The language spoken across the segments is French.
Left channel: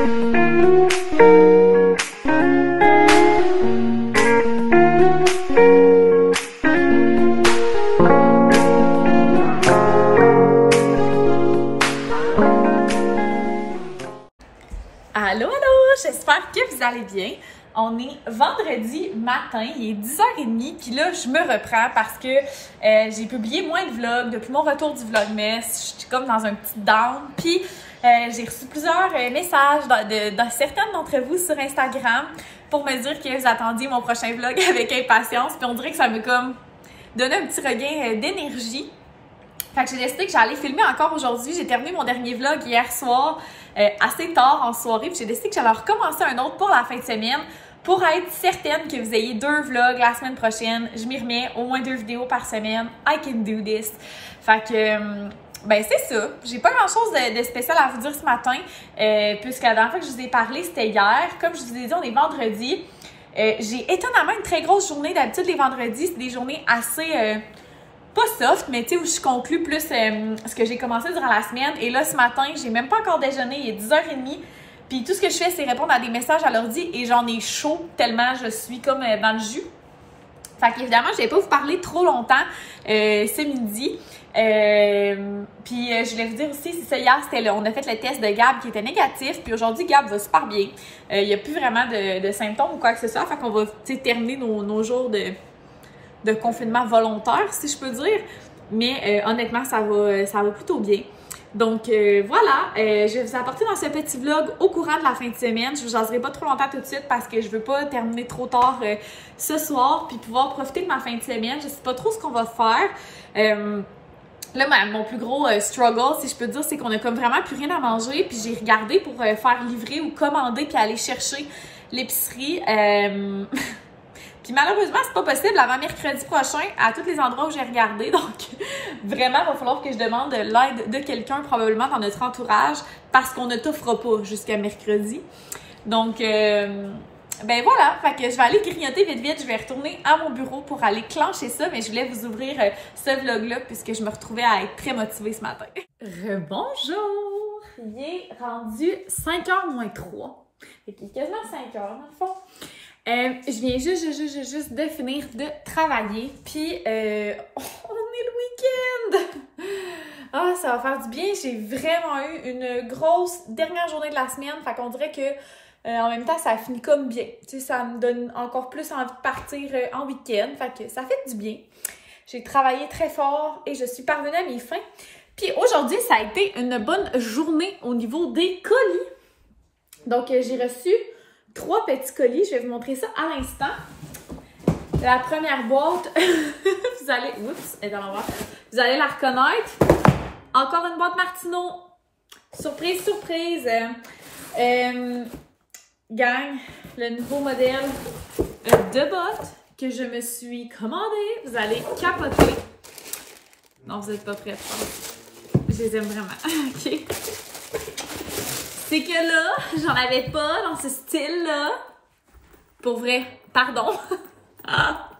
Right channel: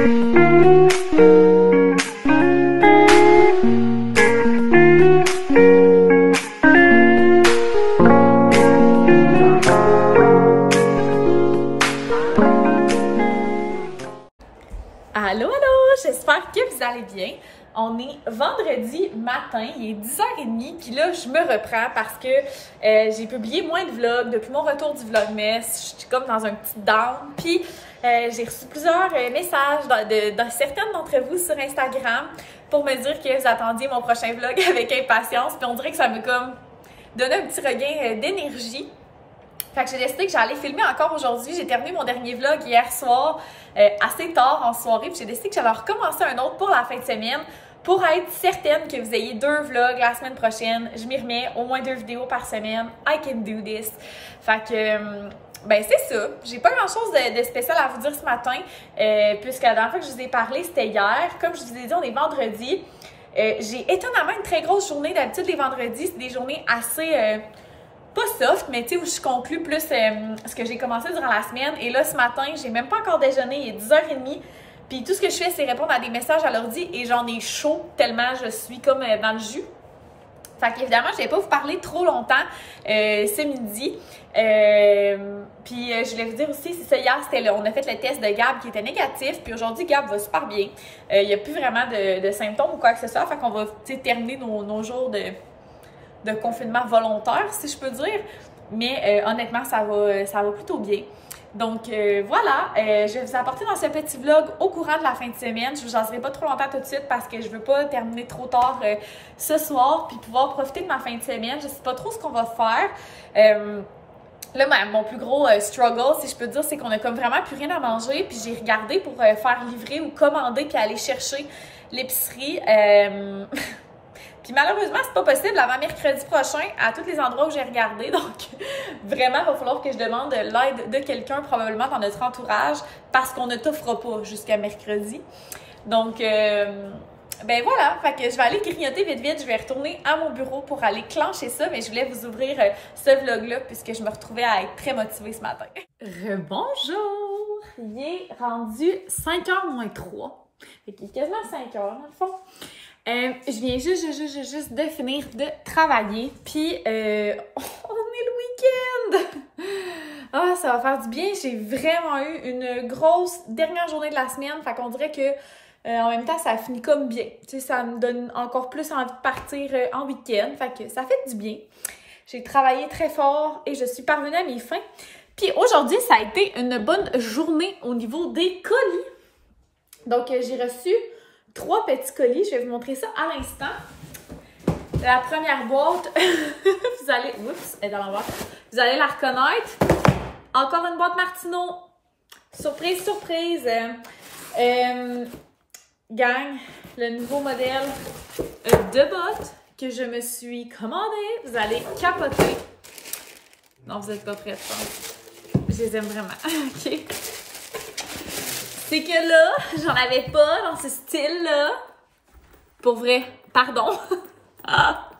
Allô, allô! J'espère que vous allez bien. On est vendredi matin, il est 10h30, puis là, je me reprends parce que j'ai publié moins de vlogs depuis mon retour du Vlogmas. Je suis comme dans un petit down, puis j'ai reçu plusieurs messages de certaines d'entre vous sur Instagram pour me dire que vous attendiez mon prochain vlog avec impatience, puis on dirait que ça me comme donné un petit regain d'énergie. Fait que j'ai décidé que j'allais filmer encore aujourd'hui. J'ai terminé mon dernier vlog hier soir, assez tard en soirée, puis j'ai décidé que j'allais recommencer un autre pour la fin de semaine pour être certaine que vous ayez 2 vlogs la semaine prochaine. Je m'y remets, au moins 2 vidéos par semaine. I can do this. Fait que, ben c'est ça. J'ai pas grand chose de spécial à vous dire ce matin, puisque la dernière fois que je vous ai parlé, c'était hier. Comme je vous ai dit, on est vendredi. J'ai étonnamment une très grosse journée. D'habitude, les vendredis, c'est des journées assez... pas soft, mais tu sais, où je conclue plus ce que j'ai commencé durant la semaine. Et là, ce matin, j'ai même pas encore déjeuné, il est 10h30. Puis tout ce que je fais, c'est répondre à des messages à l'ordi et j'en ai chaud tellement je suis comme dans le jus. Fait qu'évidemment, je vais pas vous parler trop longtemps ce midi. Puis je voulais vous dire aussi, c'est ça, hier, on a fait le test de Gab qui était négatif. Puis aujourd'hui, Gab va super bien. Il n'y a plus vraiment de symptômes ou quoi que ce soit. Fait qu'on va terminer nos jours de confinement volontaire, si je peux dire. Mais honnêtement, ça va plutôt bien. Donc voilà, je vais vous apporter dans ce petit vlog au courant de la fin de semaine. Je vous jaserai pas trop longtemps tout de suite parce que je veux pas terminer trop tard ce soir puis pouvoir profiter de ma fin de semaine. Je sais pas trop ce qu'on va faire. Là, mon plus gros struggle, si je peux dire, c'est qu'on a comme vraiment plus rien à manger. Puis j'ai regardé pour faire livrer ou commander puis aller chercher l'épicerie. Puis malheureusement, c'est pas possible avant mercredi prochain à tous les endroits où j'ai regardé. Donc, vraiment, il va falloir que je demande l'aide de quelqu'un, probablement dans notre entourage, parce qu'on ne t'offre pas jusqu'à mercredi. Donc, ben voilà, fait que je vais aller grignoter vite. Je vais retourner à mon bureau pour aller clencher ça. Mais je voulais vous ouvrir ce vlog-là puisque je me retrouvais à être très motivée ce matin. Bonjour! Il est rendu 5h moins 3. Fait qu'il est quasiment 5h dans le fond. Je viens juste de finir de travailler, puis on est le week-end! Ah, ça va faire du bien, j'ai vraiment eu une grosse dernière journée de la semaine, fait qu'on dirait que en même temps, ça finit comme bien. Tu sais, ça me donne encore plus envie de partir en week-end, fait que ça fait du bien. J'ai travaillé très fort et je suis parvenue à mes fins. Puis aujourd'hui, ça a été une bonne journée au niveau des colis. Donc, j'ai reçu 3 petits colis. Je vais vous montrer ça à l'instant. La première boîte, vous allez... Oups, elle est dans l'envers. Vous allez la reconnaître. Encore une boîte Martino. Surprise, surprise. Gang, le nouveau modèle de bottes que je me suis commandé. Vous allez capoter. Non, vous n'êtes pas prêts, je pense. Je les aime vraiment. OK. C'est que là, j'en avais pas dans ce style-là. Pour vrai. Pardon. Ah.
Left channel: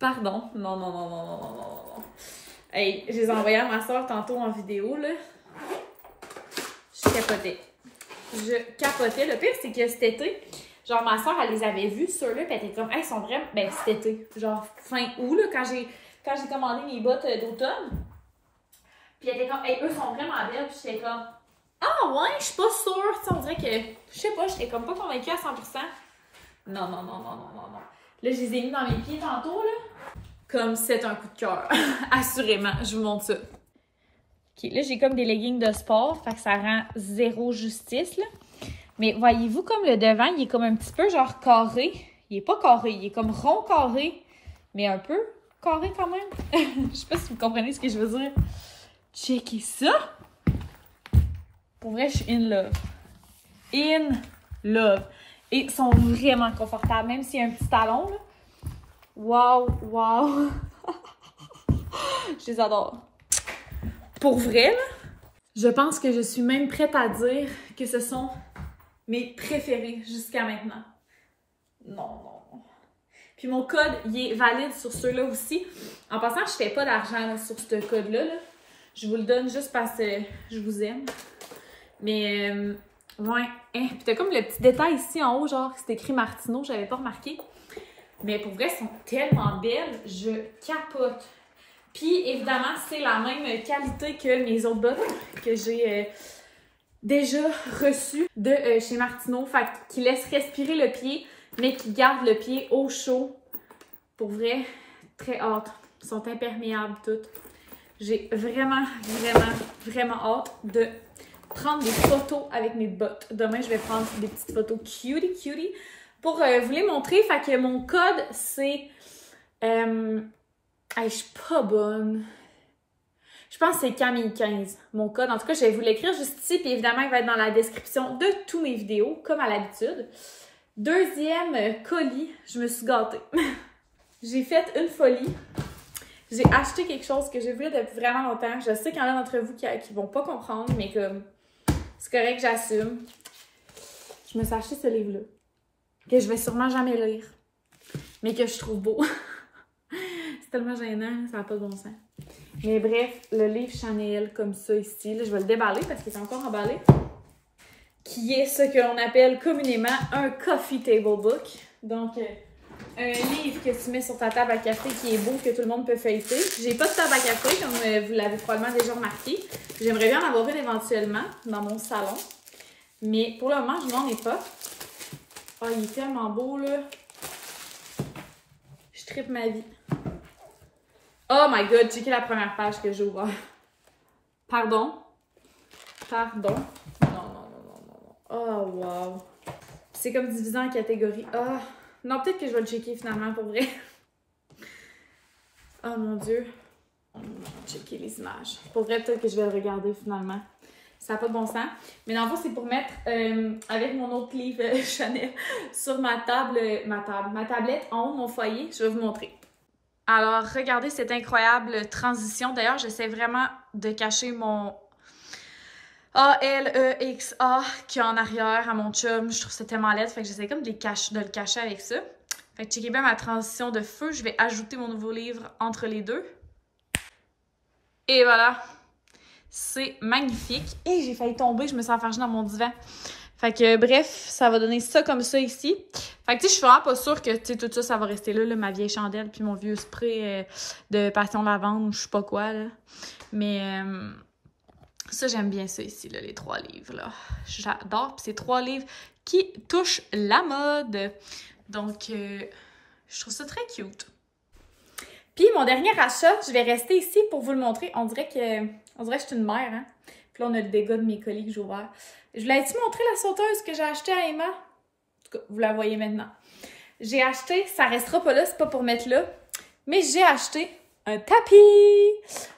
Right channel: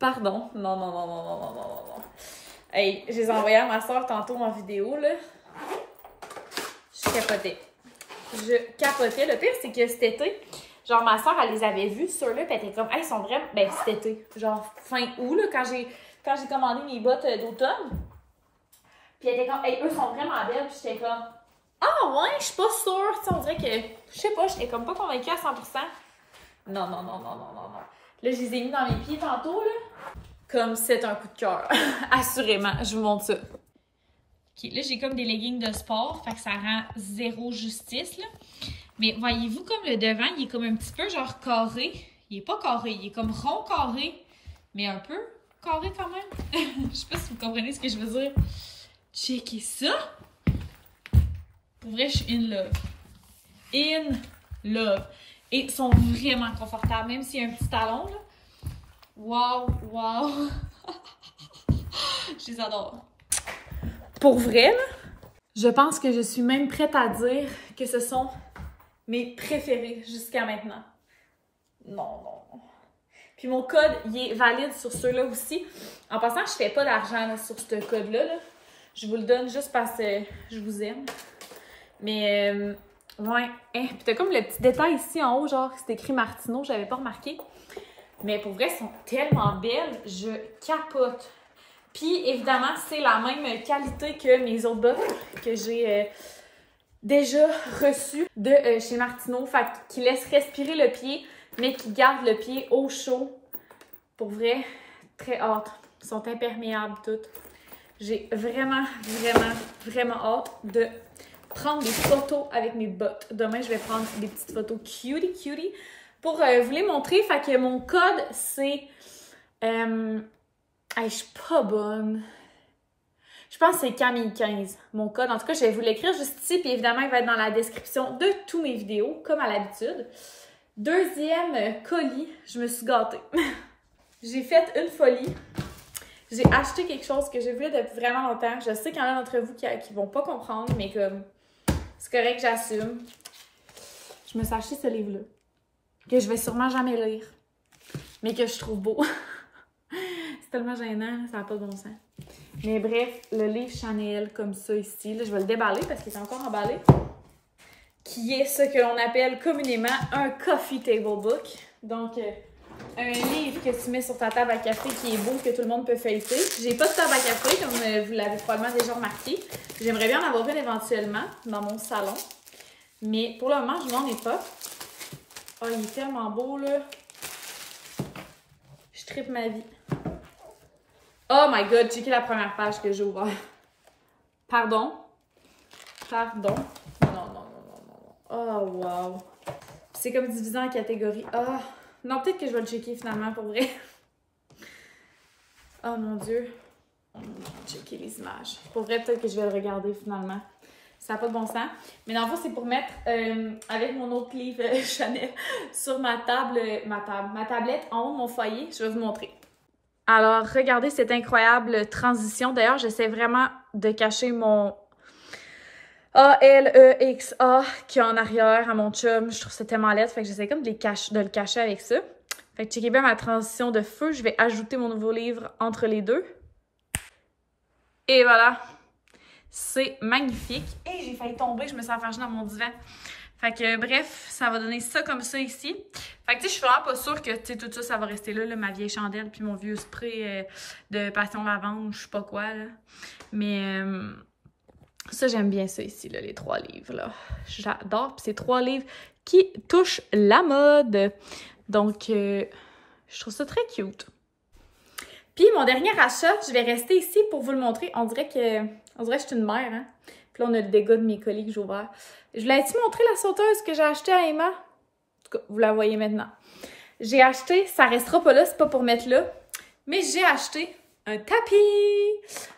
Pardon. Non. Hey, je les ai envoyés à ma soeur tantôt en vidéo, là. Je capotais. Le pire, c'est que cet été, genre, ma soeur, elle les avait vus sur là, puis elle était comme, hey, ils sont vraiment... Ben, cet été, genre, fin août, là, quand j'ai commandé mes bottes d'automne. Puis elle était comme, hey, eux sont vraiment belles. Puis j'étais comme... Ah ouais, je suis pas sûre. Tu sais, on dirait que, je sais pas, j'étais comme pas convaincue à 100%. Non. Là, je les ai mis dans mes pieds tantôt, là. Comme c'est un coup de cœur. Assurément, je vous montre ça. OK, là, j'ai comme des leggings de sport, fait que ça rend zéro justice, là. Mais voyez-vous, comme le devant, il est comme un petit peu genre carré. Il est pas carré, il est comme rond carré, mais un peu carré quand même. Je sais pas si vous comprenez ce que je veux dire. Checkez ça! Pour vrai, je suis in love. In love. Et ils sont vraiment confortables, même s'il y a un petit talon, là. Wow! Je les adore. Pour vrai, là, je pense que je suis même prête à dire que ce sont mes préférés jusqu'à maintenant. Non. Puis mon code, il est valide sur ceux-là aussi. En passant, je fais pas d'argent sur ce code-là, là. Je vous le donne juste parce que je vous aime. Mais Ouais. Hein, puis t'as comme le petit détail ici en haut, genre, c'est écrit Martineau, j'avais pas remarqué. Mais pour vrai, elles sont tellement belles, je capote. Puis évidemment, c'est la même qualité que mes autres bottes que j'ai déjà reçues de chez Martineau. Fait qui laissent respirer le pied, mais qui gardent le pied au chaud. Pour vrai, très hâte. Ils sont imperméables toutes. J'ai vraiment, vraiment, vraiment hâte de prendre des photos avec mes bottes. Demain, je vais prendre des petites photos cutie pour vous les montrer. Fait que mon code, c'est... je suis pas bonne. Je pense que c'est Camille 15, mon code. En tout cas, je vais vous l'écrire juste ici. Puis évidemment, il va être dans la description de tous mes vidéos, comme à l'habitude. Deuxième colis, je me suis gâtée. J'ai fait une folie. J'ai acheté quelque chose que j'ai voulu depuis vraiment longtemps. Je sais qu'il y en a d'entre vous qui vont pas comprendre, mais comme c'est correct, j'assume. Je me suis acheté ce livre-là, que je vais sûrement jamais lire, mais que je trouve beau. C'est tellement gênant, ça n'a pas de bon sens. Mais bref, le livre Chanel, comme ça ici, là, je vais le déballer parce qu'il est encore emballé, qui est ce que l'on appelle communément un coffee table book. Donc, un livre que tu mets sur ta table à café qui est beau, que tout le monde peut feuilleter. J'ai pas de table à café, comme vous l'avez probablement déjà remarqué. J'aimerais bien en avoir une éventuellement dans mon salon. Mais pour le moment, je n'en ai pas. Oh, il est tellement beau, là. Je trippe ma vie. Oh my god, checkez la première page que j'ai ouverte. Pardon. Pardon. Non. Oh, wow. C'est comme divisé en catégories. Oh. Non, peut-être que je vais le checker finalement pour vrai. Oh mon Dieu. Checker les images. Pour vrai, peut-être que je vais le regarder finalement. Ça n'a pas de bon sens. Mais dans le fond, c'est pour mettre avec mon autre livre Chanel sur ma tablette en haut de mon foyer. Je vais vous montrer. Alors, regardez cette incroyable transition. D'ailleurs, j'essaie vraiment de cacher mon A-L-E-X-A qui est en arrière à mon chum. Je trouve ça tellement laid. Fait que j'essaie comme de le cacher avec ça. Fait que checkez bien ma transition de feu. Je vais ajouter mon nouveau livre entre les deux. Et voilà. C'est magnifique. Et j'ai failli tomber. Je me suis enfargée dans mon divan. Fait que bref, ça va donner ça comme ça ici. Fait que tu sais, je suis vraiment pas sûre que tout ça, ça va rester là, ma vieille chandelle puis mon vieux spray de passion lavande ou je sais pas quoi, là. Mais ça, j'aime bien ça ici, là, les 3 livres, là. J'adore. Puis c'est 3 livres qui touchent la mode. Donc, je trouve ça très cute. Puis mon dernier achat, je vais rester ici pour vous le montrer. On dirait que je suis une mère, hein. Puis là, on a le dégât de mes colis que j'ai ouvert. Je voulais-tu montrer la sauteuse que j'ai achetée à Emma? En tout cas, vous la voyez maintenant. J'ai acheté, ça restera pas là, c'est pas pour mettre là, mais j'ai acheté un tapis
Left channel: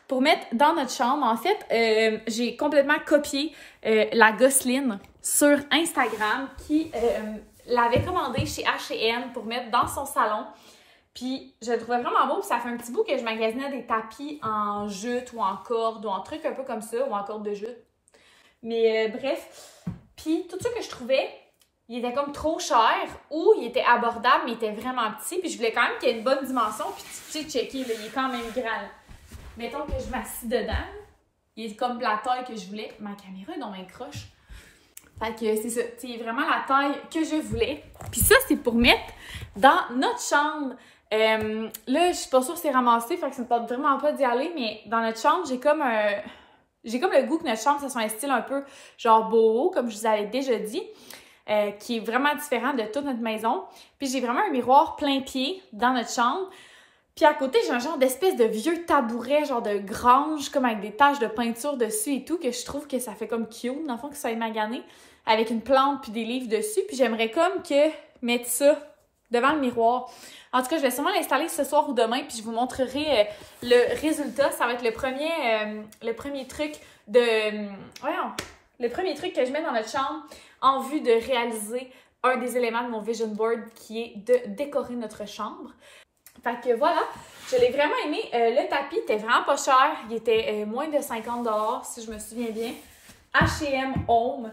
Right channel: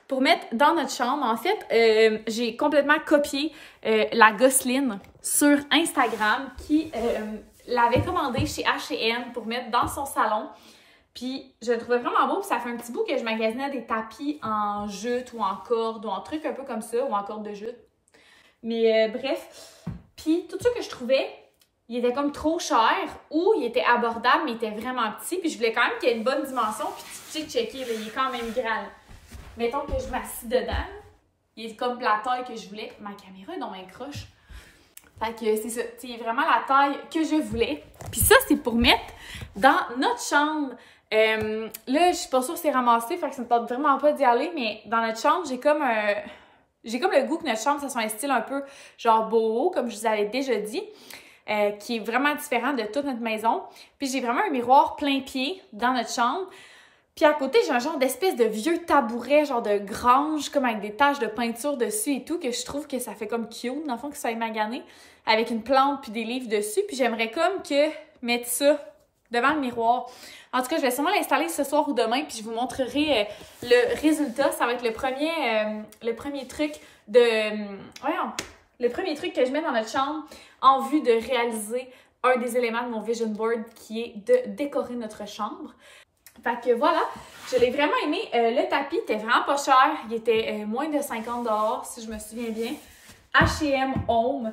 pour mettre dans notre chambre. En fait, j'ai complètement copié la Gosseline sur Instagram qui l'avait commandé chez H&M pour mettre dans son salon. Puis je le trouvais vraiment beau, puis ça fait un petit bout que je magasinais des tapis en jute ou en corde ou en truc un peu comme ça, ou en corde de jute. Mais bref, puis tout ça que je trouvais, il était comme trop cher ou il était abordable, mais il était vraiment petit. Puis je voulais quand même qu'il y ait une bonne dimension. Puis tu sais, checker, là, il est quand même grand. Mettons que je m'assis dedans, il est comme la taille que je voulais. Ma caméra est dans mes croches. Fait que c'est ça, c'est vraiment la taille que je voulais. Puis ça, c'est pour mettre dans notre chambre. Là, je suis pas sûre que c'est ramassé, fait que ça me tente vraiment pas d'y aller, mais dans notre chambre, j'ai comme le goût que notre chambre, ça soit un style un peu genre boho, comme je vous avais déjà dit, qui est vraiment différent de toute notre maison. Puis j'ai vraiment un miroir plein pied dans notre chambre. Puis à côté, j'ai un genre d'espèce de vieux tabouret, genre de grange, comme avec des taches de peinture dessus et tout, que je trouve que ça fait comme cute, dans le fond, que ça soit magané, avec une plante puis des livres dessus. Puis j'aimerais comme que mettre ça devant le miroir. En tout cas, je vais sûrement l'installer ce soir ou demain, puis je vous montrerai le résultat. Ça va être le premier truc le premier truc que je mets dans notre chambre en vue de réaliser un des éléments de mon vision board qui est de décorer notre chambre. Fait que voilà, je l'ai vraiment aimé. Le tapis était vraiment pas cher. Il était moins de 50 $, si je me souviens bien. H&M Home.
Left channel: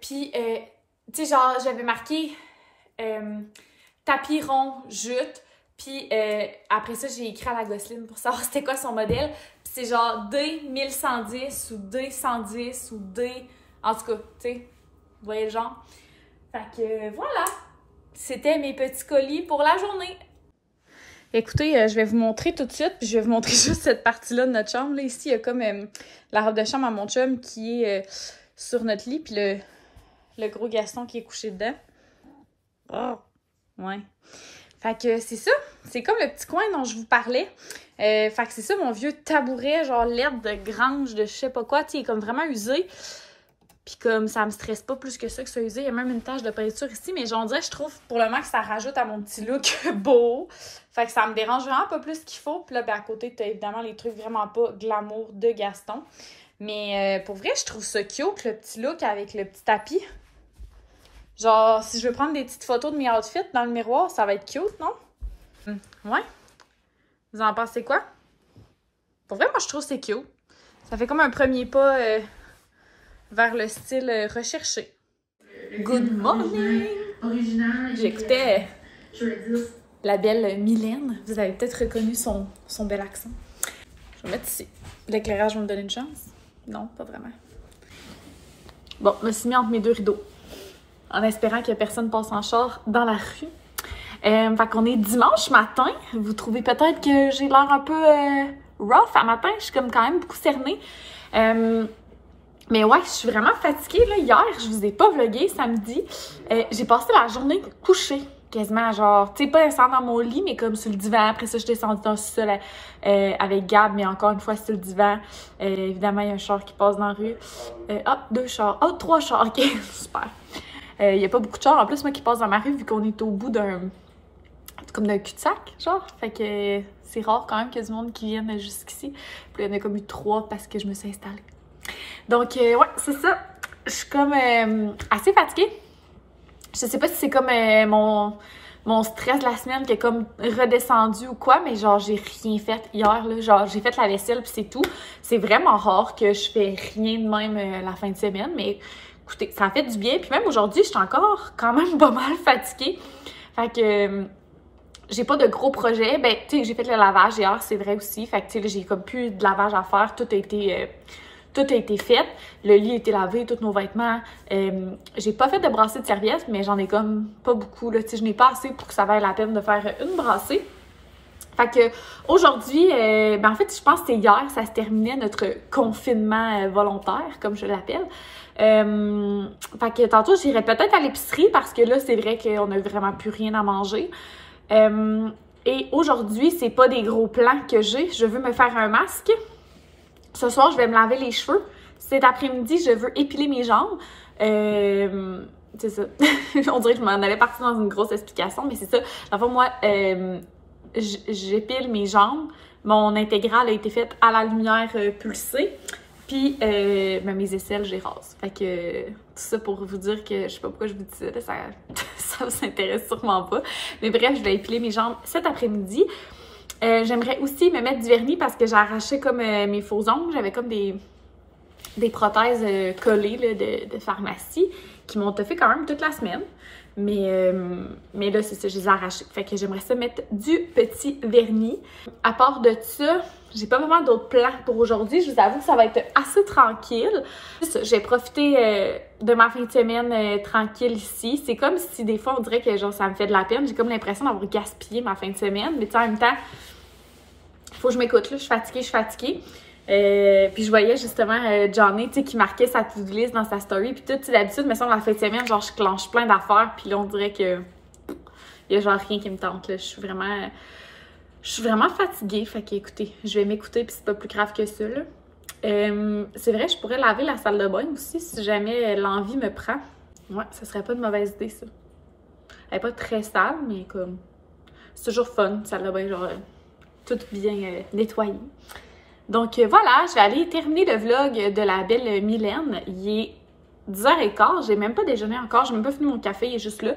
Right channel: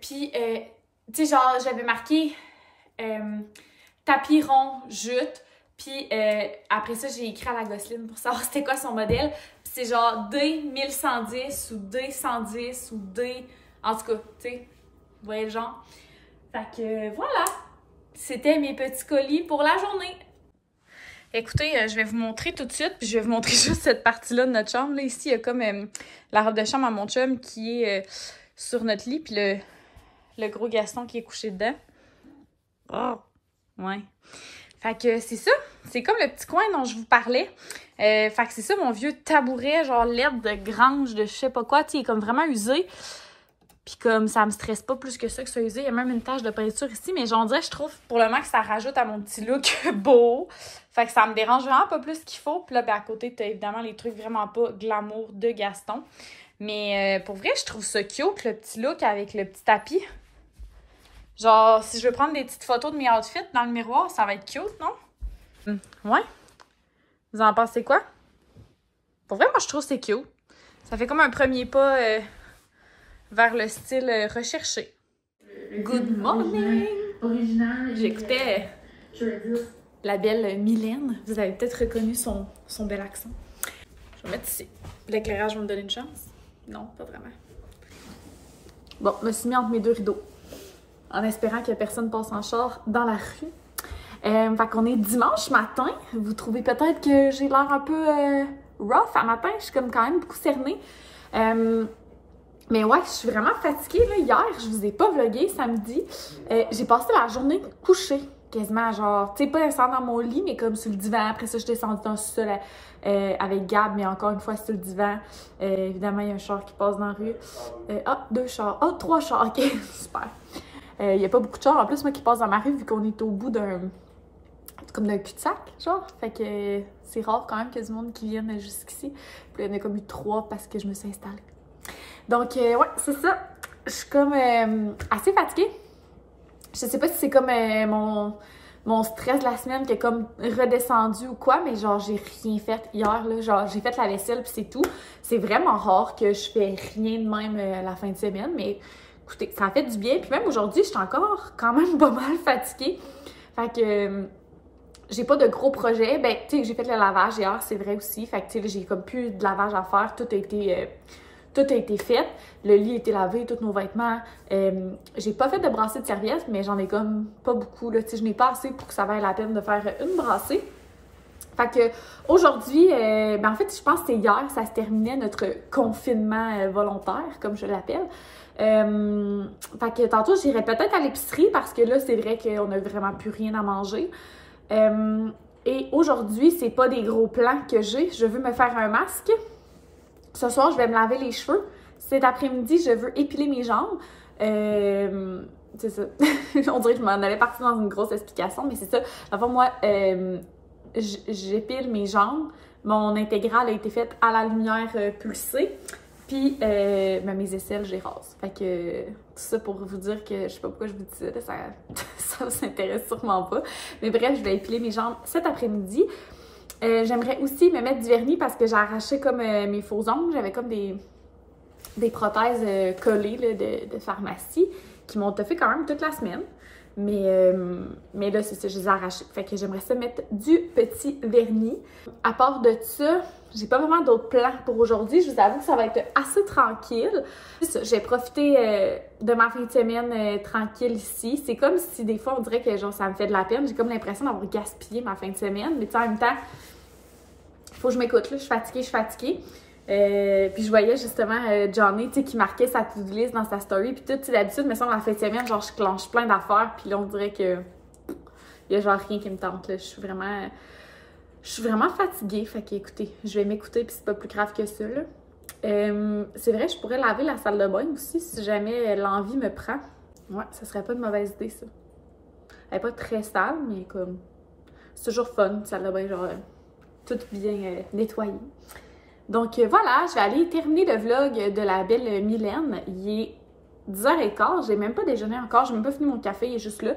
Puis, tu sais, genre, j'avais marqué tapis rond, jute. Puis, après ça, j'ai écrit à la Gosseline pour savoir c'était quoi son modèle. Puis c'est genre D1110 ou D110 ou D... En tout cas, tu sais, Vous voyez le genre? Fait que voilà, c'était mes petits colis pour la journée. Écoutez, je vais vous montrer tout de suite. Je vais vous montrer juste cette partie-là de notre chambre. Là, ici, il y a comme la robe de chambre à mon chum qui est sur notre lit, puis le gros Gaston qui est couché dedans. Oh, ouais. Fait que c'est ça. C'est comme le petit coin dont je vous parlais. Fait que c'est ça, mon vieux tabouret, genre laide de grange, de je sais pas quoi. Tu sais, il est comme vraiment usé. Puis comme ça me stresse pas plus que ça usé. Il y a même une tache de peinture ici. Mais j'en dirais, je trouve pour le moment que ça rajoute à mon petit look beau. Fait que ça me dérange vraiment pas plus qu'il faut. Puis là, ben, à côté, t'as évidemment les trucs vraiment pas glamour de Gaston. Mais pour vrai, je trouve ça cute, le petit look avec le petit tapis. Genre, si je veux prendre des petites photos de mes outfits dans le miroir, ça va être cute, non? Ouais. Vous en pensez quoi? Pour vrai, moi, je trouve que c'est cute. Ça fait comme un premier pas vers le style recherché. Good morning! J'écoutais la belle Mylène. Vous avez peut-être reconnu son bel accent. Je vais mettre ici. L'éclairage va me donner une chance? Non, pas vraiment. Bon, je me suis mis entre mes deux rideaux. En espérant que personne passe en char dans la rue. Fait qu'on est dimanche matin. Vous trouvez peut-être que j'ai l'air un peu rough à matin. Je suis comme quand même beaucoup cernée. Mais ouais, je suis vraiment fatiguée. Là. Hier, je vous ai pas vlogué samedi. J'ai passé la journée couchée. Quasiment genre, tu sais, pas descendre dans mon lit, mais comme sur le divan. Après ça, je suis descendue dans le sol avec Gab, mais encore une fois sur le divan. Évidemment, il y a un char qui passe dans la rue. Ah, 2 chars. Ah, 3 chars. OK, super. Il n'y a pas beaucoup de chars. En plus, moi qui passe dans ma rue, vu qu'on est au bout d'un cul-de-sac, genre. Fait que c'est rare quand même qu'il y ait du monde qui vienne jusqu'ici. Puis il y en a comme eu 3 parce que je me suis installée. Donc, ouais, c'est ça. Je suis comme assez fatiguée. Je sais pas si c'est comme mon stress de la semaine qui est comme redescendu ou quoi, mais genre, j'ai rien fait hier, là. Genre, j'ai fait la vaisselle puis c'est tout. C'est vraiment rare que je fais rien de même la fin de semaine, mais écoutez, ça a fait du bien. Puis même aujourd'hui, je suis encore quand même pas mal fatiguée. Fait que j'ai pas de gros projets. Ben, tu sais, j'ai fait le lavage hier, c'est vrai aussi. Fait que, tu sais, j'ai comme plus de lavage à faire. Tout a été fait. Le lit a été lavé, tous nos vêtements. J'ai pas fait de brassée de serviettes, mais j'en ai comme pas beaucoup. Tu sais, je n'ai pas assez pour que ça vaille la peine de faire une brassée. Fait que aujourd'hui, ben en fait, je pense que c'est hier, ça se terminait notre confinement volontaire, comme je l'appelle. Fait que tantôt, j'irai peut-être à l'épicerie parce que là, c'est vrai qu'on n'a vraiment plus rien à manger. Et aujourd'hui, c'est pas des gros plans que j'ai. Je veux me faire un masque. Ce soir, je vais me laver les cheveux. Cet après-midi, je veux épiler mes jambes. C'est ça. On dirait que je m'en avais parti dans une grosse explication, mais c'est ça. Enfin, moi, j'épile mes jambes. Mon intégrale a été faite à la lumière pulsée. Puis, mes aisselles, je les rase. Fait que, tout ça pour vous dire que, je sais pas pourquoi je vous dis ça, là, ça vous intéresse sûrement pas. Mais bref, je vais épiler mes jambes cet après-midi. J'aimerais aussi me mettre du vernis parce que j'ai arraché comme mes faux ongles. J'avais comme des prothèses collées là, de pharmacie qui m'ont toffé quand même toute la semaine. Mais là, c'est ça, je les ai arrachées. Fait que j'aimerais ça mettre du petit vernis. À part de ça, j'ai pas vraiment d'autres plans pour aujourd'hui. Je vous avoue que ça va être assez tranquille. J'ai profité de ma fin de semaine tranquille ici. C'est comme si des fois, on dirait que genre ça me fait de la peine. J'ai comme l'impression d'avoir gaspillé ma fin de semaine. Mais tu sais, en même temps, il faut que je m'écoute. Je suis fatiguée. Puis je voyais justement Johnny, tu sais, qui marquait sa to-do list dans sa story. Puis tout, d'habitude, me semble la fin de semaine, genre je clenche plein d'affaires. Puis là, on dirait que il y a genre rien qui me tente. Là. Je suis vraiment fatiguée. Fait que écoutez, je vais m'écouter puis c'est pas plus grave que ça. Là. C'est vrai, je pourrais laver la salle de bain aussi si jamais l'envie me prend. Ouais, ce serait pas une mauvaise idée ça. Elle est pas très sale, mais comme c'est toujours fun, salle de bain, genre tout bien nettoyé. Donc voilà, je vais aller terminer le vlog de la belle Mylène. Il est 10h15, j'ai même pas déjeuné encore, j'ai même pas fini mon café, il est juste là.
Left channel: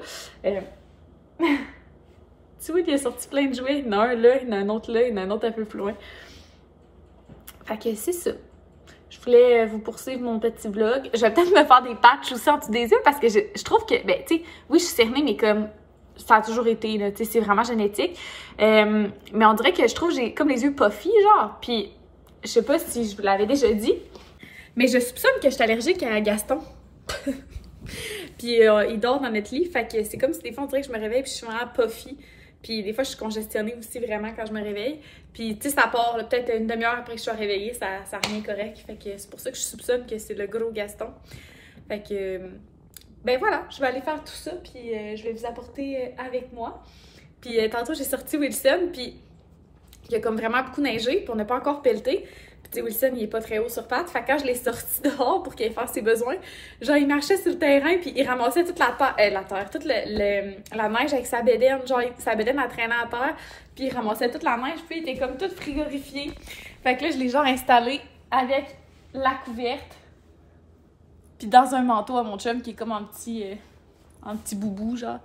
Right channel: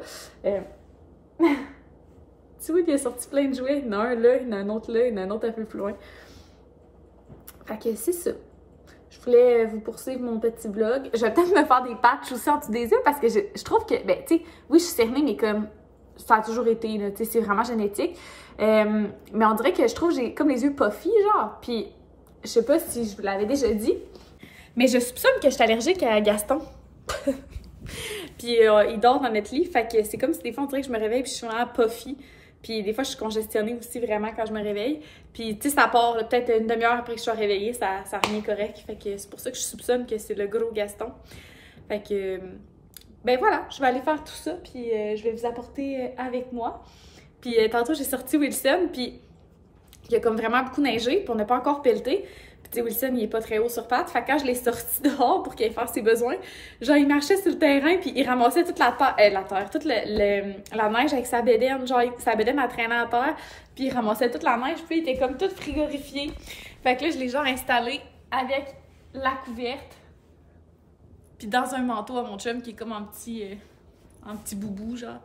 Tu vois, il a sorti plein de jouets. Il y en a un là, il y en a un autre là, il y en a un autre un peu plus loin. Fait que c'est ça. Je voulais vous poursuivre mon petit vlog. Je vais peut-être me faire des patchs aussi en dessous des yeux parce que je trouve que, ben, tu sais, oui, je suis cernée, mais comme ça a toujours été, là, tu sais, c'est vraiment génétique. Mais on dirait que je trouve que j'ai comme les yeux puffy, genre. Puis, je sais pas si je vous l'avais déjà dit, mais je soupçonne que je suis allergique à Gaston. Puis il dort dans notre lit. Fait que c'est comme si des fois on dirait que je me réveille puis je suis vraiment puffy. Puis des fois je suis congestionnée aussi vraiment quand je me réveille. Puis tu sais, ça part peut-être une demi-heure après que je sois réveillée, ça revient correct. Fait que c'est pour ça que je soupçonne que c'est le gros Gaston. Fait que ben voilà, je vais aller faire tout ça puis je vais vous apporter avec moi. Puis tantôt j'ai sorti Wilson puis il y a comme vraiment beaucoup neigé puis on n'a pas encore pelleté. Puis Wilson, il est pas très haut sur pattes. Fait que quand je l'ai sorti dehors pour qu'il aille faire ses besoins, genre, il marchait sur le terrain, puis il ramassait toute la terre, toute la neige avec sa bédaine. Genre, sa bédaine a traîné à terre, puis il ramassait toute la neige, puis il était comme tout frigorifié. Fait que là, je l'ai genre installé avec la couverte, puis dans un manteau à mon chum, qui est comme un petit boubou, genre,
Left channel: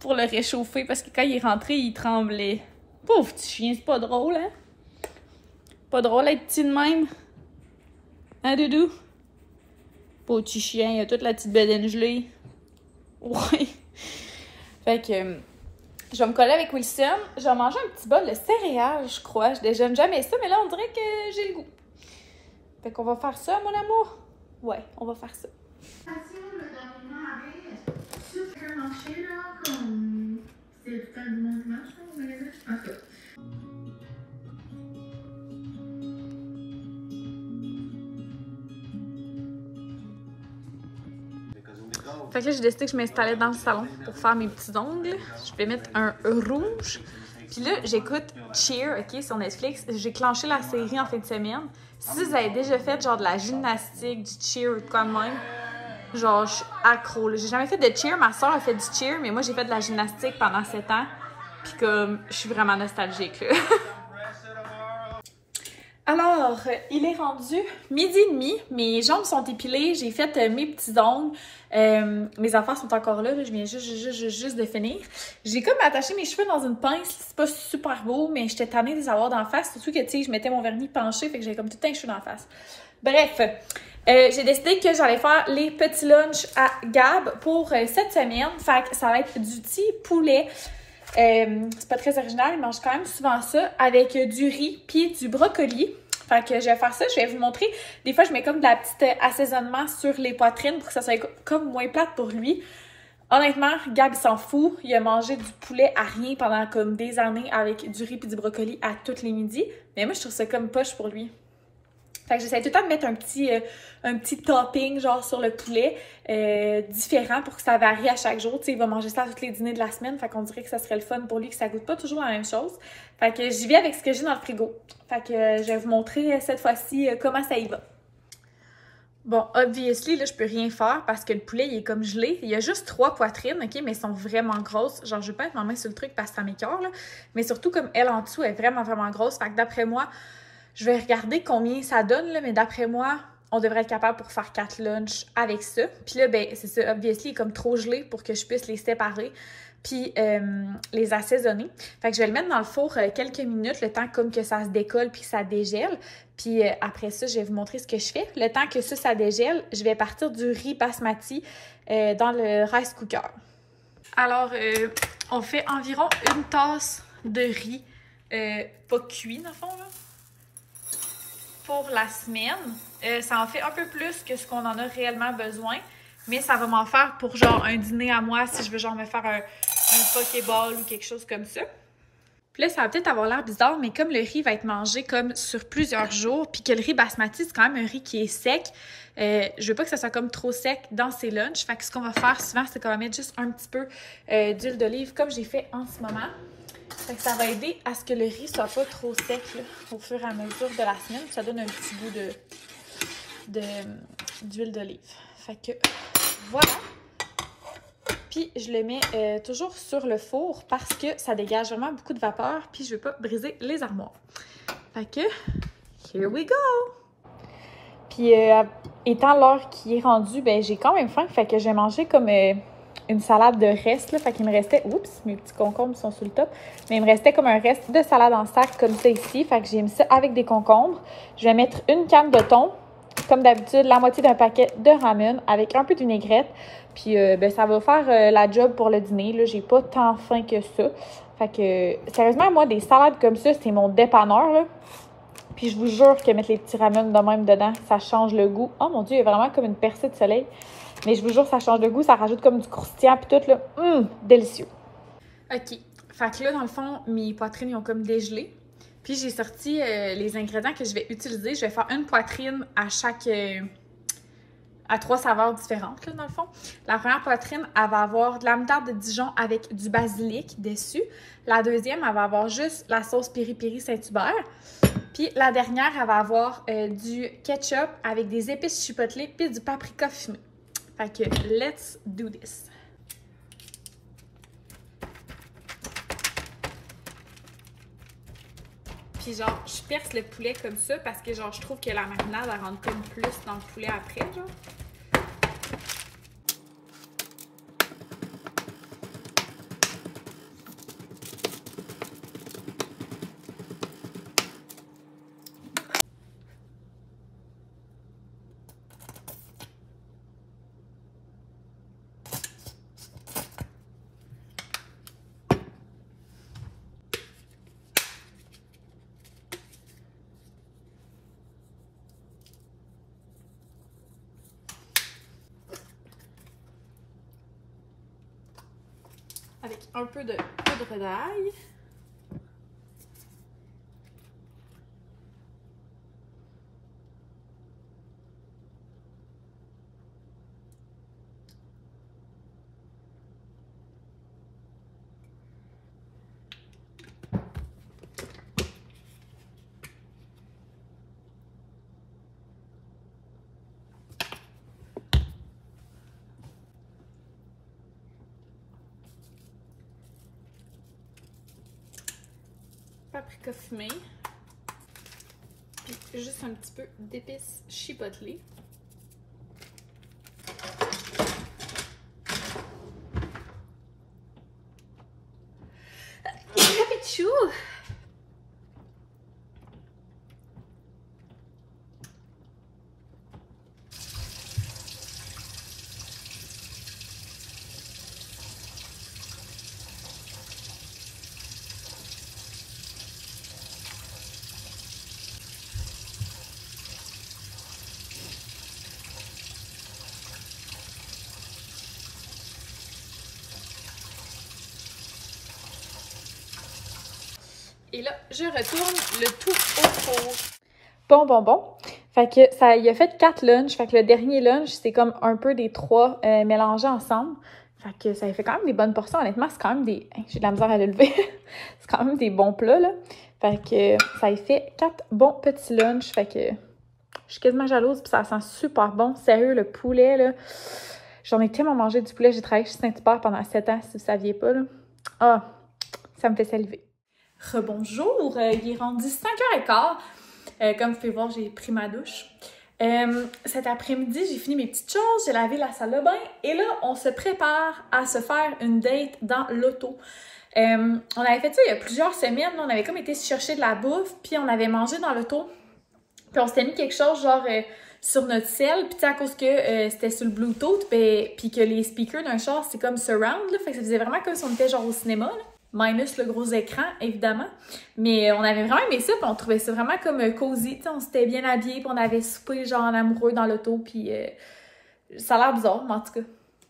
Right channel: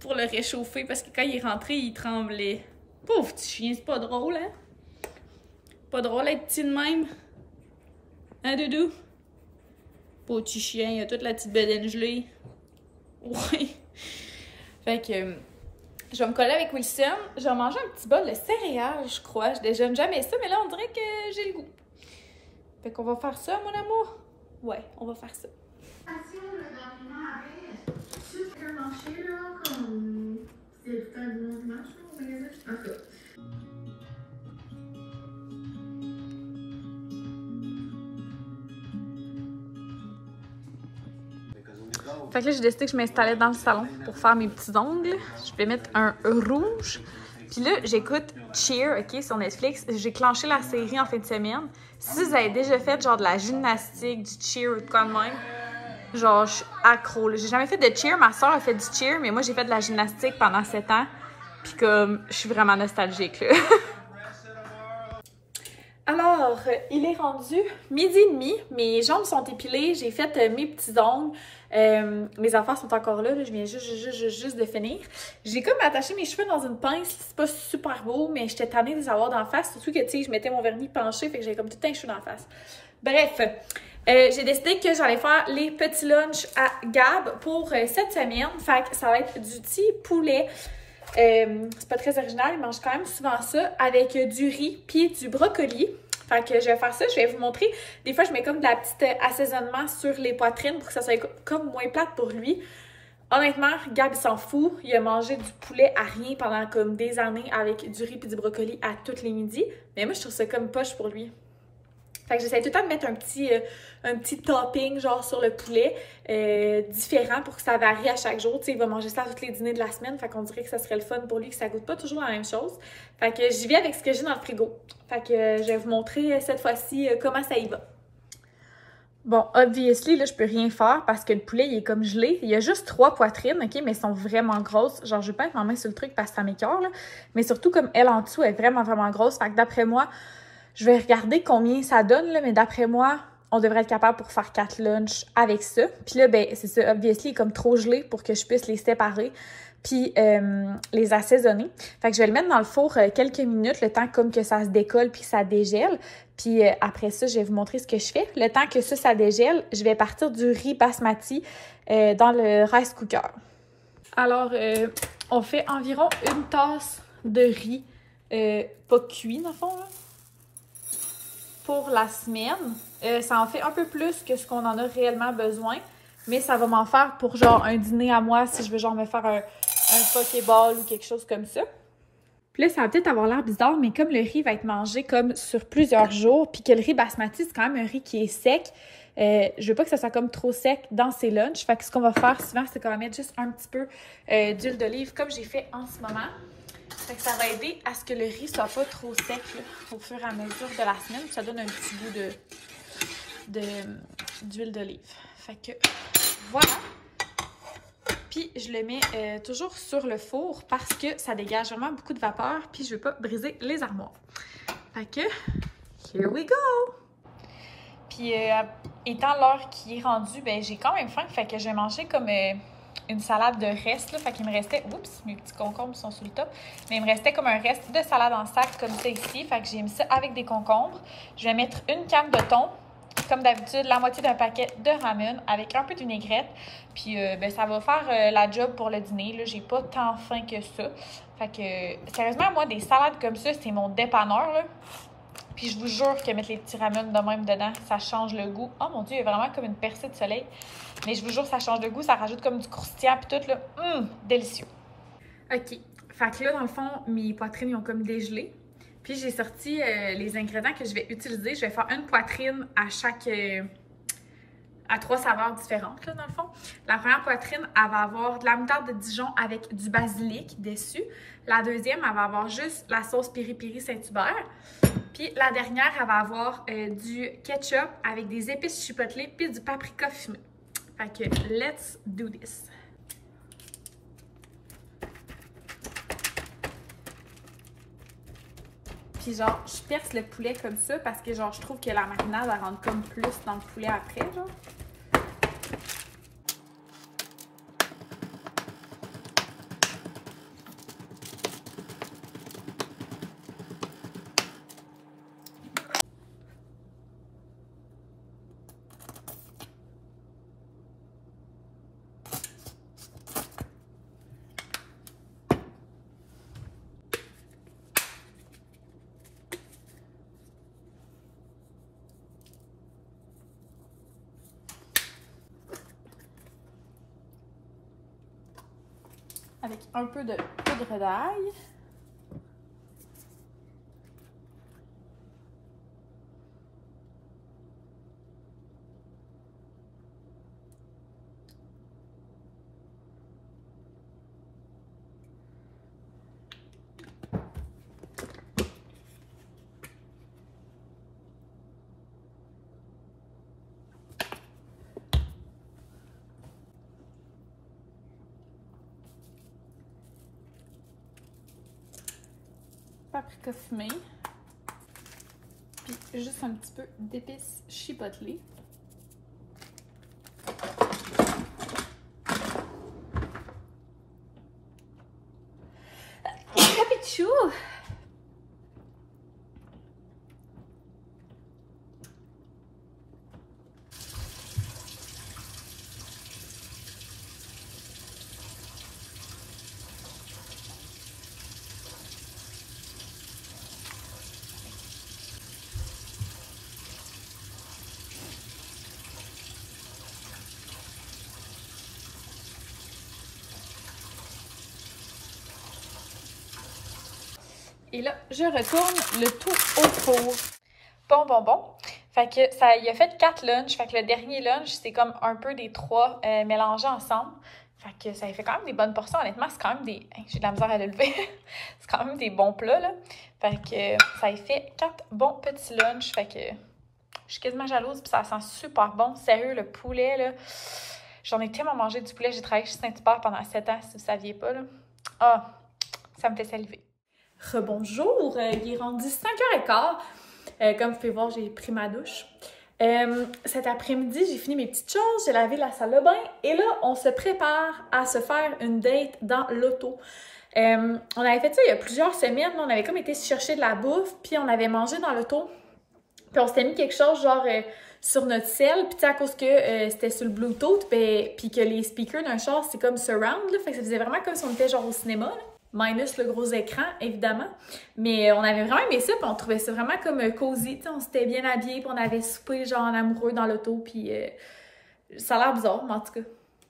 pour le réchauffer, parce que quand il est rentré, il tremblait. Pauvre petit chien, c'est pas drôle, hein? Pas drôle d'être petit de même. Hein, Doudou? Pauvre petit chien, il a toute la petite bedaine gelée. Ouais. Fait que je vais me coller avec Wilson. Je vais manger un petit bol de céréales, je crois. Je déjeune jamais ça, mais là, on dirait que j'ai le goût. Fait qu'on va faire ça, mon amour? Ouais, on va faire ça. Fait que là, j'ai décidé que je m'installais dans le salon pour faire mes petits ongles. Je vais mettre un rouge. Puis là, j'écoute Cheer, OK, sur Netflix. J'ai clenché la série en fin de semaine. Si vous avez déjà fait genre de la gymnastique, du cheer ou de quoi de même, genre, je suis accro. J'ai jamais fait de cheer. Ma soeur a fait du cheer, mais moi, j'ai fait de la gymnastique pendant 7 ans. Puis comme, je suis vraiment nostalgique, là. Alors, il est rendu 12h30. Mes jambes sont épilées. J'ai fait mes petits ongles. Mes affaires sont encore là. Je viens juste de finir. J'ai comme attaché mes cheveux dans une pince. C'est pas super beau, mais j'étais tannée de les avoir d'en face. Surtout que, tu sais, je mettais mon vernis penché. Fait que j'avais comme tout un cheveu d'en face. Bref, j'ai décidé que j'allais faire les petits lunchs à Gab pour cette semaine. Fait que ça va être du petit poulet. C'est pas très original, il mange quand même souvent ça avec du riz puis du brocoli. Fait que je vais faire ça, je vais vous montrer. Des fois, je mets comme de la petite assaisonnement sur les poitrines pour que ça soit comme moins plate pour lui. Honnêtement, Gab, il s'en fout. Il a mangé du poulet à rien pendant comme des années avec du riz puis du brocoli à toutes les midis. Mais moi, je trouve ça comme poche pour lui. Fait que j'essaie tout le temps de mettre un petit topping genre sur le poulet différent pour que ça varie à chaque jour. Tu sais, il va manger ça à tous les dîners de la semaine. Fait qu'on dirait que ça serait le fun pour lui, que ça goûte pas toujours la même chose. Fait que j'y vais avec ce que j'ai dans le frigo. Fait que je vais vous montrer cette fois-ci comment ça y va. Bon, obviously, là, je peux rien faire parce que le poulet, il est comme gelé. Il y a juste 3 poitrines, OK, mais elles sont vraiment grosses. Genre, je vais pas mettre ma main sur le truc parce que ça m'écoeure, là. Mais surtout, comme elle en dessous est vraiment, vraiment grosse. Fait que d'après moi, je vais regarder combien ça donne, là, mais d'après moi, on devrait être capable pour faire 4 lunchs avec ça. Puis là, ben, c'est ça, obviously, il est comme trop gelé pour que je puisse les séparer puis les assaisonner. Fait que je vais le mettre dans le four quelques minutes, le temps comme que ça se décolle puis que ça dégèle. Puis après ça, je vais vous montrer ce que je fais. Le temps que ça dégèle, je vais partir du riz basmati dans le rice cooker. Alors, on fait environ une tasse de riz pas cuit, dans le fond, là, pour la semaine. Ça en fait un peu plus que ce qu'on en a réellement besoin, mais ça va m'en faire pour genre un dîner à moi si je veux genre me faire un pokéball ou quelque chose comme ça. Puis là, ça va peut-être avoir l'air bizarre, mais comme le riz va être mangé comme sur plusieurs jours, puis que le riz basmati, c'est quand même un riz qui est sec, je veux pas que ça soit comme trop sec dans ses lunchs. Fait que ce qu'on va faire souvent, c'est qu'on va mettre juste un petit peu d'huile d'olive, comme j'ai fait en ce moment. Fait que ça va aider à ce que le riz soit pas trop sec là, au fur et à mesure de la semaine. Ça donne un petit goût d'huile d'olive. Fait que voilà. Puis je le mets toujours sur le four parce que ça dégage vraiment beaucoup de vapeur. Puis je veux pas briser les armoires. Fait que, here we go! Puis étant l'heure qui est rendue, ben j'ai quand même faim. Fait que j'ai mangé comme une salade de reste. Là, fait qu'il me restait, oups, mes petits concombres sont sur le top. Mais il me restait comme un reste de salade en sac comme ça ici. Fait que j'ai mis ça avec des concombres. Je vais mettre une canne de thon. Comme d'habitude, la moitié d'un paquet de ramen avec un peu de vinaigrette. Puis ben, ça va faire la job pour le dîner. Là, j'ai pas tant faim que ça. Fait que, sérieusement, moi, des salades comme ça, c'est mon dépanneur. Là. Puis je vous jure que mettre les petits ramen de même dedans, ça change le goût. Oh mon Dieu, il y a vraiment comme une percée de soleil. Mais je vous jure, ça change le goût, ça rajoute comme du croustillant puis tout là. Délicieux. OK. Fait que là, dans le fond, mes poitrines ils ont comme dégelé. Puis j'ai sorti les ingrédients que je vais utiliser. Je vais faire une poitrine à chaque... à 3 saveurs différentes, là, dans le fond. La première poitrine, elle va avoir de la moutarde de Dijon avec du basilic dessus. La deuxième, elle va avoir juste la sauce piri-piri Saint-Hubert. Puis la dernière, elle va avoir du ketchup avec des épices chipotlées puis du paprika fumé. Fait que, let's do this! Puis genre, je perce le poulet comme ça parce que genre, je trouve que la marinade, elle rentre comme plus dans le poulet après, genre. Avec un peu de poudre d'ail. Paprika fumé, puis juste un petit peu d'épices chipotlées. Capichou! Et là, je retourne le tout au four. Bon. Fait que ça, il a fait 4 lunchs. Fait que le dernier lunch, c'est comme un peu des 3 mélangés ensemble. Fait que ça fait quand même des bonnes portions. Honnêtement, c'est quand même des... J'ai de la misère à le lever. C'est quand même des bons plats, là. Fait que ça a fait 4 bons petits lunchs. Fait que je suis quasiment jalouse. Puis ça sent super bon. Sérieux, le poulet, là. J'en ai tellement mangé du poulet. J'ai travaillé chez Saint-Hubert pendant 7 ans, si vous ne saviez pas, là. Ah, ça me fait saliver. Rebonjour, il est rendu 5h15. Comme vous pouvez voir, j'ai pris ma douche. Cet après-midi, j'ai fini mes petites choses, j'ai lavé la salle de bain et là, on se prépare à se faire une date dans l'auto. On avait fait ça il y a plusieurs semaines, on avait comme été chercher de la bouffe, puis on avait mangé dans l'auto. Puis on s'était mis quelque chose genre sur notre cell, puis à cause que c'était sur le Bluetooth, puis que les speakers d'un char, c'est comme surround, là, fait que ça faisait vraiment comme si on était genre au cinéma, là. Minus le gros écran, évidemment. Mais on avait vraiment aimé ça, puis on trouvait ça vraiment comme cosy. T'sais, on s'était bien habillés, puis on avait soupé genre en amoureux dans l'auto, puis ça a l'air bizarre, mais en tout cas.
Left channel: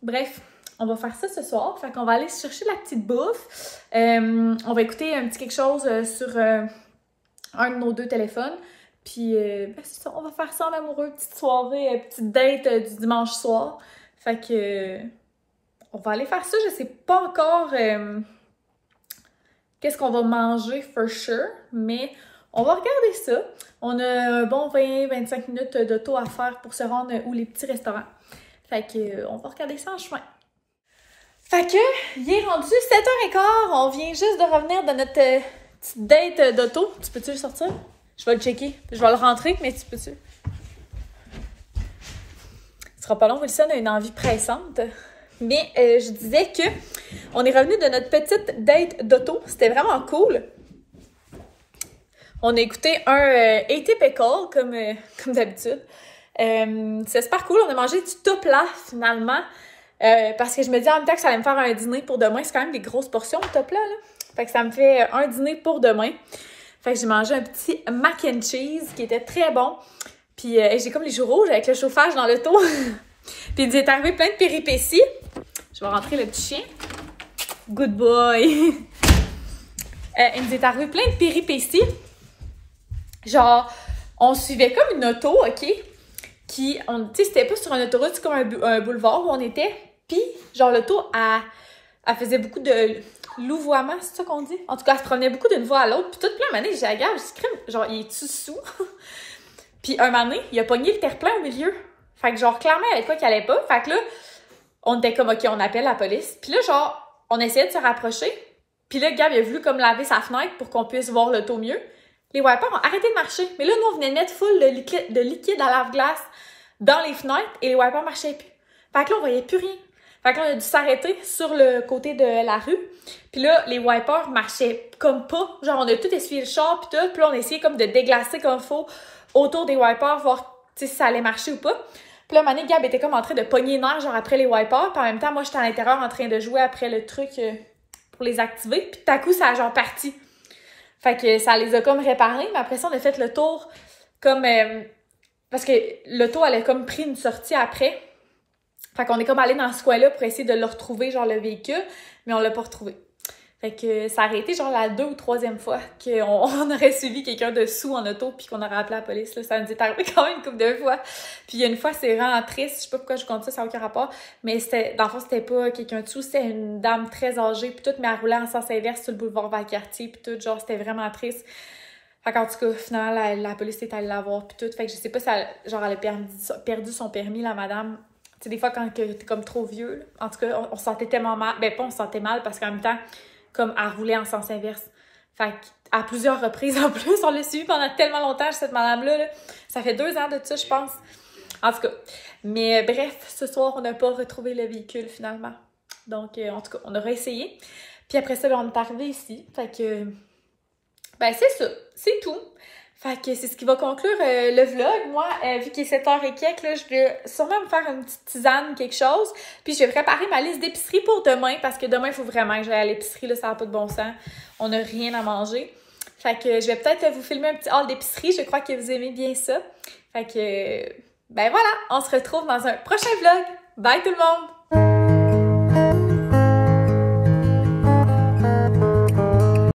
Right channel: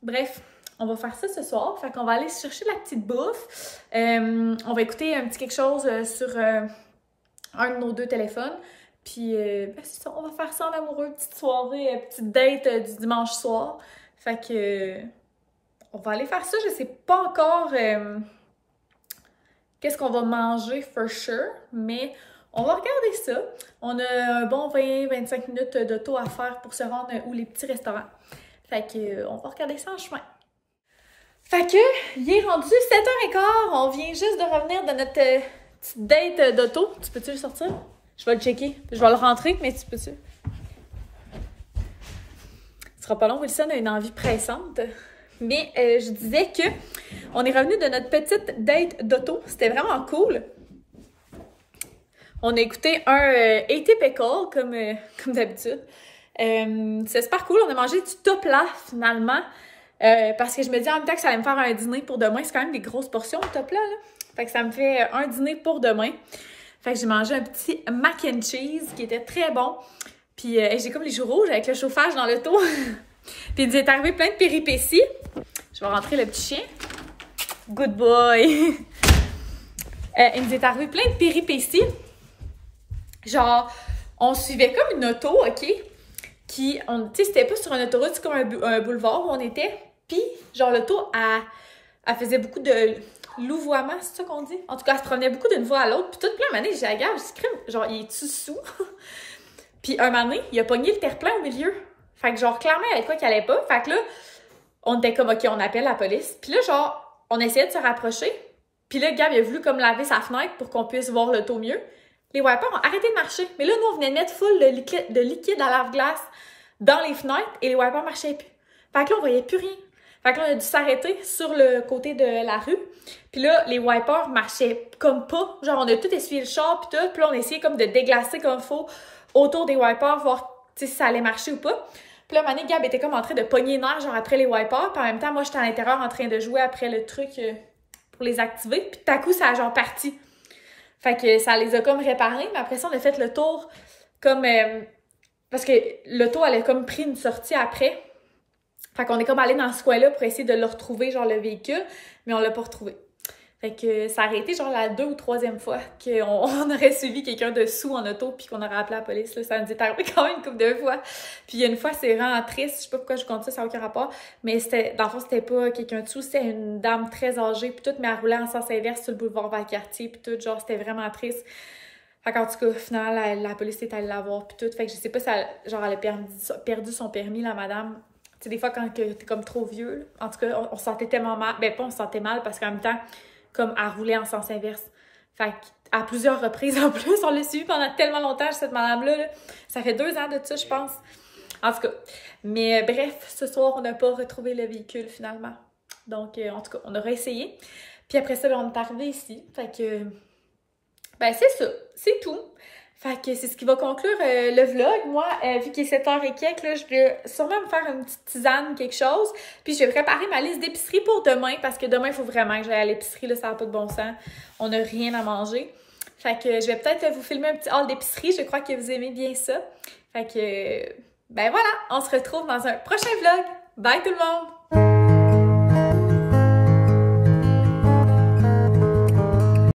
Bref, on va faire ça ce soir. Fait qu'on va aller chercher la petite bouffe. On va écouter un petit quelque chose sur un de nos 2 téléphones. Puis, ben c'est ça, on va faire ça en amoureux. Petite soirée, petite date du dimanche soir. Fait que, on va aller faire ça. Je sais pas encore... qu'est-ce qu'on va manger, for sure, mais on va regarder ça. On a un bon 20-25 minutes d'auto à faire pour se rendre où les petits restaurants. Fait que, on va regarder ça en chemin. Fait que, il est rendu 7h15, on vient juste de revenir de notre petite date d'auto. Tu peux-tu le sortir? Je vais le checker. Je vais le rentrer, mais tu peux-tu? Ce sera pas long, Wilson a une envie pressante. Mais je disais que on est revenu de notre petite date d'auto. C'était vraiment cool. On a écouté un Atypical, comme d'habitude. C'est super cool. On a mangé du tout plat, finalement. Parce que je me dis en même temps que ça allait me faire un dîner pour demain. C'est quand même des grosses portions, le top plat, là. Fait que ça me fait un dîner pour demain. Fait que j'ai mangé un petit mac and cheese qui était très bon. Puis j'ai comme les joues rouges avec le chauffage dans l'auto. Puis il nous est arrivé plein de péripéties. Je vais rentrer le petit chien. Good boy! Il nous est arrivé plein de péripéties. Genre, on suivait comme une auto, OK? Tu sais, c'était pas sur une autoroute, c'est comme un boulevard où on était. Puis, genre, l'auto, elle faisait beaucoup de louvoiement, c'est ça qu'on dit? En tout cas, elle se promenait beaucoup d'une voie à l'autre. Puis, toute plein de manée, j'ai agave, je crème, genre, il est-tu sous? Puis, un moment donné, il a pogné le terre-plein au milieu. Fait que, genre, clairement, il y avait quoi qui allait pas. Fait que là, on était comme, OK, on appelle la police. Puis là, genre, on essayait de se rapprocher. Puis là, Gab, il a voulu comme laver sa fenêtre pour qu'on puisse voir l'auto mieux. Les wipers ont arrêté de marcher. Mais là, nous, on venait de mettre full de liquide à lave-glace dans les fenêtres et les wipers marchaient plus. Fait que là, on voyait plus rien. Fait que là, on a dû s'arrêter sur le côté de la rue. Puis là, les wipers marchaient comme pas. Genre, on a tout essuyé le char puis tout. Puis là, on essayait comme de déglacer comme il faut autour des wipers, voir si ça allait marcher ou pas. Puis là, Mané, Gab était comme en train de pogner les nerfs, genre après les wipers. Puis en même temps, moi, j'étais à l'intérieur en train de jouer après le truc pour les activer. Puis tout à coup, ça a genre parti. Fait que ça les a comme réparés. Mais après ça, on a fait le tour comme... parce que l'auto, elle a comme pris une sortie après. Fait qu'on est comme allé dans ce coin-là pour essayer de le retrouver, genre le véhicule. Mais on l'a pas retrouvé. Fait que ça aurait été genre la 2e ou 3e fois qu'on aurait suivi quelqu'un de sous en auto puis qu'on aurait appelé la police. Là. Ça nous est arrivé quand même une couple de fois. Puis il y a une fois, c'est vraiment triste. Je sais pas pourquoi je compte ça, ça n'a aucun rapport. Mais c'était, dans le fond, c'était pas quelqu'un de sous, c'était une dame très âgée. Puis tout, mais elle roulait en sens inverse sur le boulevard Valcartier. Puis tout, genre, c'était vraiment triste. Fait qu'en tout cas, finalement, la police est allée la voir. Puis tout. Fait que je sais pas si elle, genre, elle a perdu son permis, la madame. Tu sais, des fois, quand t'es comme trop vieux, là. En tout cas, on se sentait tellement mal. Ben, pas on se sentait mal parce qu'en même temps, comme à rouler en sens inverse. Fait qu'à plusieurs reprises en plus, on l'a suivi pendant tellement longtemps, cette madame-là. Là. Ça fait 2 ans de ça, je pense. En tout cas. Mais bref, ce soir, on n'a pas retrouvé le véhicule finalement. Donc, en tout cas, on aura essayé. Puis après ça, ben, on est arrivé ici. Fait que, ben c'est ça. C'est tout. Fait que c'est ce qui va conclure le vlog. Moi, vu qu'il est 7h et quelques, là, je vais sûrement me faire une petite tisane, quelque chose. Puis je vais préparer ma liste d'épicerie pour demain, parce que demain, il faut vraiment que j'aille à l'épicerie, là, ça n'a pas de bon sens. On n'a rien à manger. Fait que je vais peut-être vous filmer un petit haul d'épicerie. Je crois que vous aimez bien ça. Fait que, ben voilà, on se retrouve dans un prochain vlog. Bye tout le monde!